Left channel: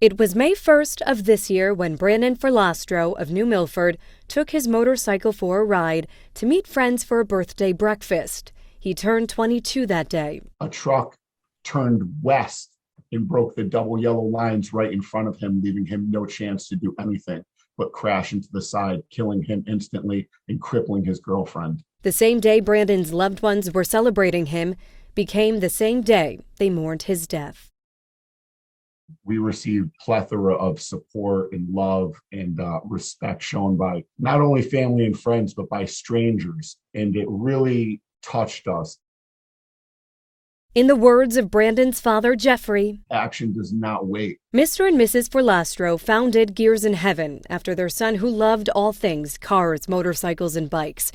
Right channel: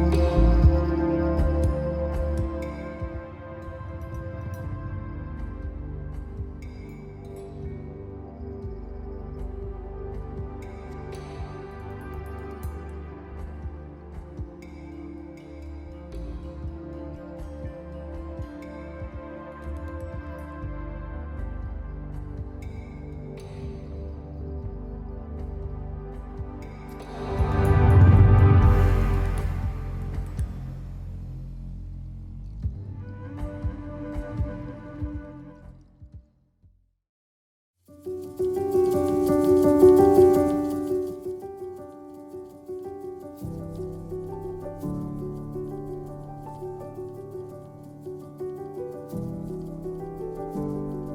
It was May 1st of this year when Brandon Ferlastro of New Milford took his motorcycle for a ride to meet friends for a birthday breakfast. He turned 22 that day. A truck turned west and broke the double yellow lines right in front of him, leaving him no chance to do anything but crash into the side, killing him instantly and crippling his girlfriend. The same day Brandon's loved ones were celebrating him became the same day they mourned his death. We received a plethora of support and love and respect shown by not only family and friends, but by strangers. And it really touched us. In the words of Brandon's father, Jeffrey, action does not wait. Mr. and Mrs. Ferlastro founded Gears in Heaven after their son, who loved all things cars, motorcycles, and bikes.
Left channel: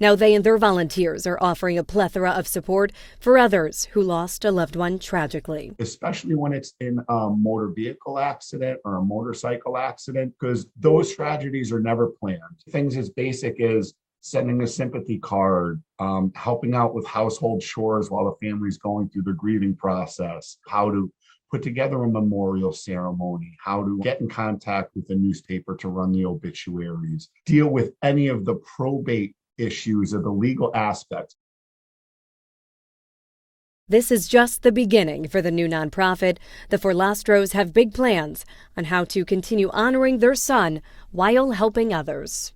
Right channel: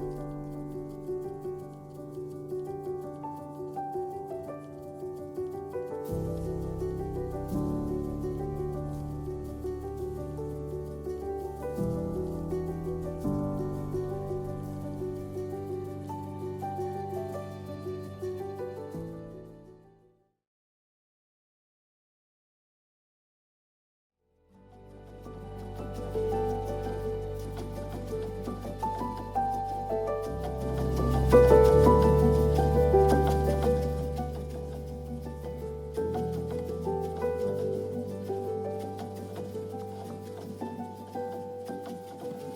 Now they and their volunteers are offering a plethora of support for others who lost a loved one tragically. Especially when it's in a motor vehicle accident or a motorcycle accident, because those tragedies are never planned. Things as basic as sending a sympathy card, helping out with household chores while the family's going through the grieving process, how to put together a memorial ceremony, how to get in contact with the newspaper to run the obituaries, deal with any of the probate issues or the legal aspect. This is just the beginning for the new nonprofit. The Ferlastros have big plans on how to continue honoring their son while helping others.